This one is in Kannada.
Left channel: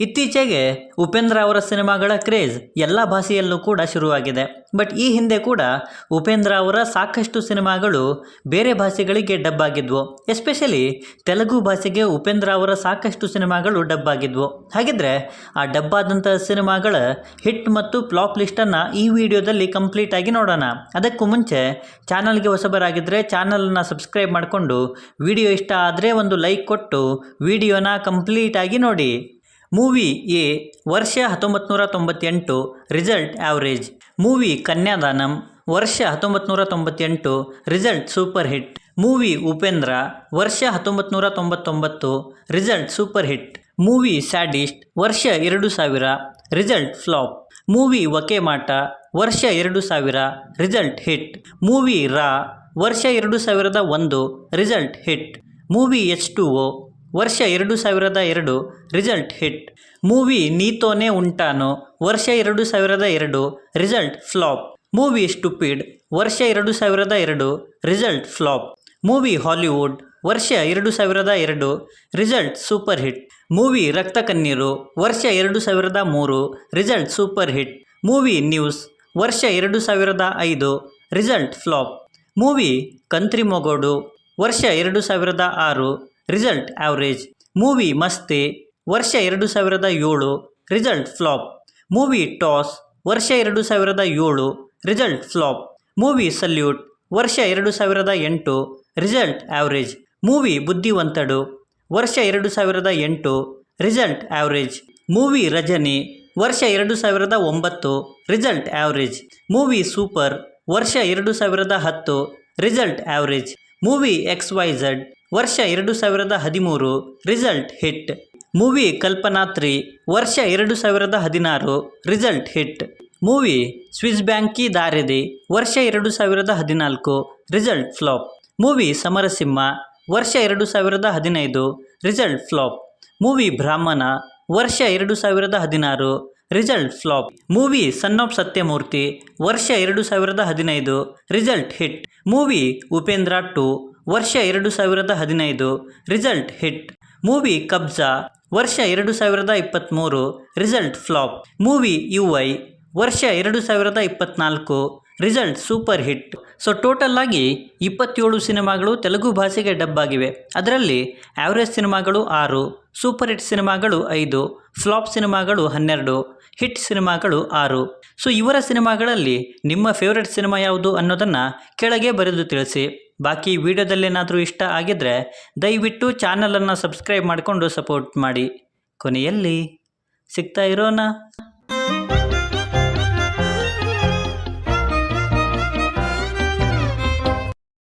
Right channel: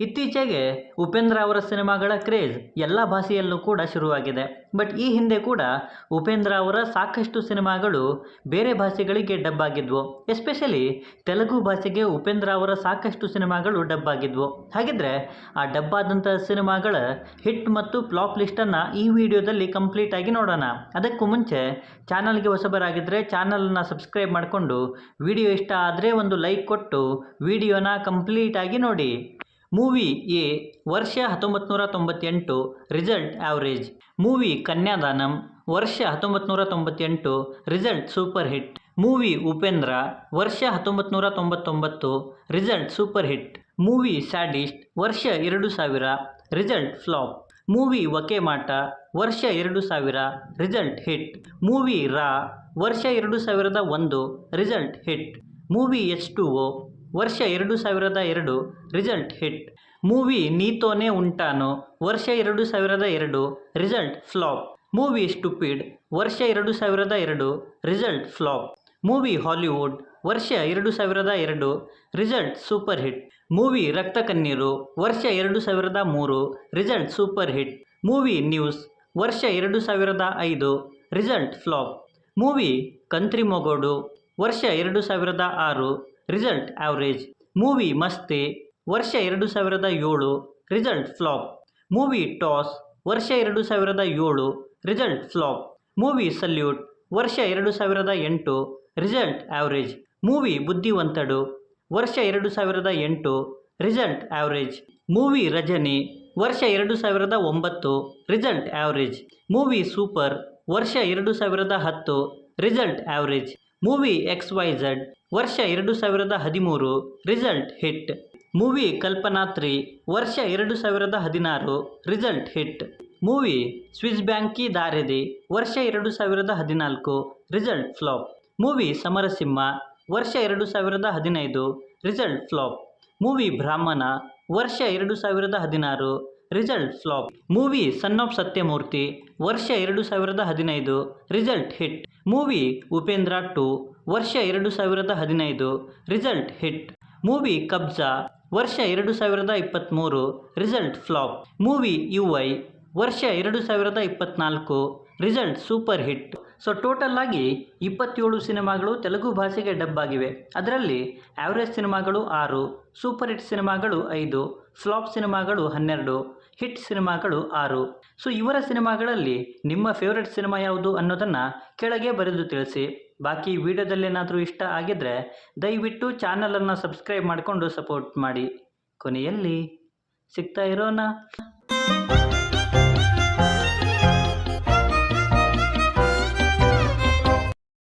ಇತ್ತೀಚೆಗೆ ಉಪೇಂದ್ರ ಅವರ ಸಿನಿಮಾಗಳ ಕ್ರೇಜ್ ಎಲ್ಲ ಭಾಷೆಯಲ್ಲೂ ಕೂಡ ಶುರುವಾಗಿದೆ. ಬಟ್ ಈ ಹಿಂದೆ ಕೂಡ ಉಪೇಂದ್ರ ಅವರ ಸಾಕಷ್ಟು ಸಿನಿಮಾಗಳು ಬೇರೆ ಭಾಷೆಗಳಿಗೆ ಡಬ್ ಆಗಿದ್ವು. ಎಸ್ಪೆಷಲಿ ತೆಲುಗು ಭಾಷೆಗೆ ಉಪೇಂದ್ರ ಅವರ ಸಾಕಷ್ಟು ಸಿನಿಮಾಗಳು ಡಬ್ ಆಗಿದ್ವು. ಹಾಗಿದ್ರೆ ಆ ಡಬ್ ಆದಂಥ ಸಿನಿಮಾಗಳ ಹಿಟ್ ಮತ್ತು ಫ್ಲಾಪ್ ಲಿಸ್ಟನ್ನು ಈ ವಿಡಿಯೋದಲ್ಲಿ ಕಂಪ್ಲೀಟ್ ಆಗಿ ನೋಡೋಣ. ಅದಕ್ಕೂ ಮುಂಚೆ ಚಾನಲ್ಗೆ ಹೊಸಬರಾಗಿದ್ದರೆ ಚಾನಲನ್ನು ಸಬ್ಸ್ಕ್ರೈಬ್ ಮಾಡಿಕೊಂಡು ವಿಡಿಯೋ ಇಷ್ಟ ಆದರೆ ಒಂದು ಲೈಕ್ ಕೊಟ್ಟು ವಿಡಿಯೋನ ಕಂಪ್ಲೀಟ್ ಆಗಿ ನೋಡಿ. ಮೂವಿ ಎ ವರ್ಷ 1998, ರಿಸಲ್ಟ್ ಆವ್ರೇಜ್. ಮೂವಿ ಕನ್ಯಾದಾನಂ ವರ್ಷ 1998, result super hit. Movie Upendra ವರ್ಷ 1999, result super hit. Movie sadist ವರ್ಷ 2000, ರಿಸಲ್ಟ್ ಫ್ಲಾಪ್. ಮೂವಿ ವಕೇಮಾಟ ವರ್ಷ 2000, ರಿಸಲ್ಟ್ ಹಿಟ್. ಮೂವಿ ರಾ ವರ್ಷ 2001, ರಿಸಲ್ಟ್ ಹಿಟ್. ಮೂವಿ H2O ವರ್ಷ 2002, ರಿಸಲ್ಟ್ ಹಿಟ್. ಮೂವಿ ನೀತೋನೇ ಉಂಟಾನೋ ವರ್ಷ 2002, ರಿಸಲ್ಟ್ ಫ್ಲಾಪ್. ಮೂವಿ ಸ್ಟುಪಿಡ್ ವರ್ಷ 2002, ರಿಸಲ್ಟ್ ಫ್ಲಾಪ್. ಮೂವಿ ಹಾಲಿವುಡ್ ವರ್ಷ 2002, ರಿಸಲ್ಟ್ ಸೂಪರ್ ಹಿಟ್. ಮೂವಿ ರಕ್ತ ಕಣ್ಣೀರು ವರ್ಷ 2003, result super hit. Movie news ವರ್ಷ 2005, ರಿಸಲ್ಟ್ ಫ್ಲಾಪ್. ಮೂವಿ ಕಂತ್ರಿ ಮೊಗೋಡು ವರ್ಷ 2006, ರಿಸಲ್ಟ್ ಆವ್ರೇಜ್. ಮೂವಿ ಮಸ್ತಿ ವರ್ಷ 2007, ರಿಸಲ್ಟ್ ಫ್ಲಾಪ್. ಮೂವಿ ಟಾಸ್ ವರ್ಷ 2007, ರಿಸಲ್ಟ್ ಫ್ಲಾಪ್. ಮೂವಿ ಸಲ್ಯೂಟ್ ವರ್ಷ 2008, ರಿಸಲ್ಟ್ ಆವ್ರೇಜ್. ಮೂವಿ ಬುದ್ಧಿವಂತಡು ವರ್ಷ 2008, ರಿಸಲ್ಟ್ ಆವ್ರೇಜ್. ಮೂವಿ ರಜನಿ ವರ್ಷ 2009, ರಿಸಲ್ಟ್ ಆವ್ರೇಜ್. ಮೂವಿ ಸೂಪರ್ ವರ್ಷ 2010, ರಿಸಲ್ಟ್ ಆವ್ರೇಜ್. ಮೂವಿ XYZ ವರ್ಷ 2013, ರಿಸಲ್ಟ್ ಹಿಟ್. ಮೂವಿ ಕಲ್ಪನಾತ್ರಿ ವರ್ಷ 2016, result hit. Movie Swiss bank ಕಿ ದಾರೇದಿ ವರ್ಷ 2014, ರಿಸಲ್ಟ್ ಫ್ಲಾಪ್. ಮೂವಿ ಸಮರಸಿಂಹ ವರ್ಷ 2015, ರಿಸಲ್ಟ್ ಫ್ಲಾಪ್. ಮೂವಿ ಬ್ರಾಹ್ಮಣ ವರ್ಷ 2016, result flop. Movie Son of Satyamurthy ವರ್ಷ 2015, ರಿಸಲ್ಟ್ ಹಿಟ್. ಮೂವಿ ಉಪೇಂದ್ರ 2 ವರ್ಷ 2015, ರಿಸಲ್ಟ್ ಹಿಟ್. ಮೂವಿ ಕಬ್ಜಾ ವರ್ಷ 2023, ರಿಸಲ್ಟ್ ಫ್ಲಾಪ್. ಮೂವಿ UI ವರ್ಷ 2024, result super hit. So total ಆಗಿ 27 ಸಿನಿಮಾಗಳು ತೆಲುಗು ಭಾಷೆಗೆ ಡಬ್ ಆಗಿವೆ. ಅದರಲ್ಲಿ ಆವ್ರೇಜ್ ಸಿನಿಮಾಗಳು 6, ಸೂಪರ್ ಹಿಟ್ ಸಿನಿಮಾಗಳು 5, ಫ್ಲಾಪ್ ಸಿನಿಮಾಗಳು 12, ಹಿಟ್ ಸಿನಿಮಾಗಳು 6. ಸೊ ಇವರ ಸಿನಿಮಾಗಳಲ್ಲಿ ನಿಮ್ಮ ಫೇವ್ರೆಟ್ ಸಿನಿಮಾ ಯಾವುದು ಅನ್ನೋದನ್ನು ಕೆಳಗೆ ಬರೆದು ತಿಳಿಸಿ. ಬಾಕಿ ವಿಡಿಯೋದಲ್ಲೇನಾದರೂ ಇಷ್ಟ ಆಗಿದ್ದರೆ ದಯವಿಟ್ಟು ಚಾನಲನ್ನು ಸಬ್ಸ್ಕ್ರೈಬ್ ಮಾಡಿಕೊಂಡು ಸಪೋರ್ಟ್ ಮಾಡಿ. ಕೊನೆಯಲ್ಲಿ ಸಿಗ್ತಾ ಇರೋಣ.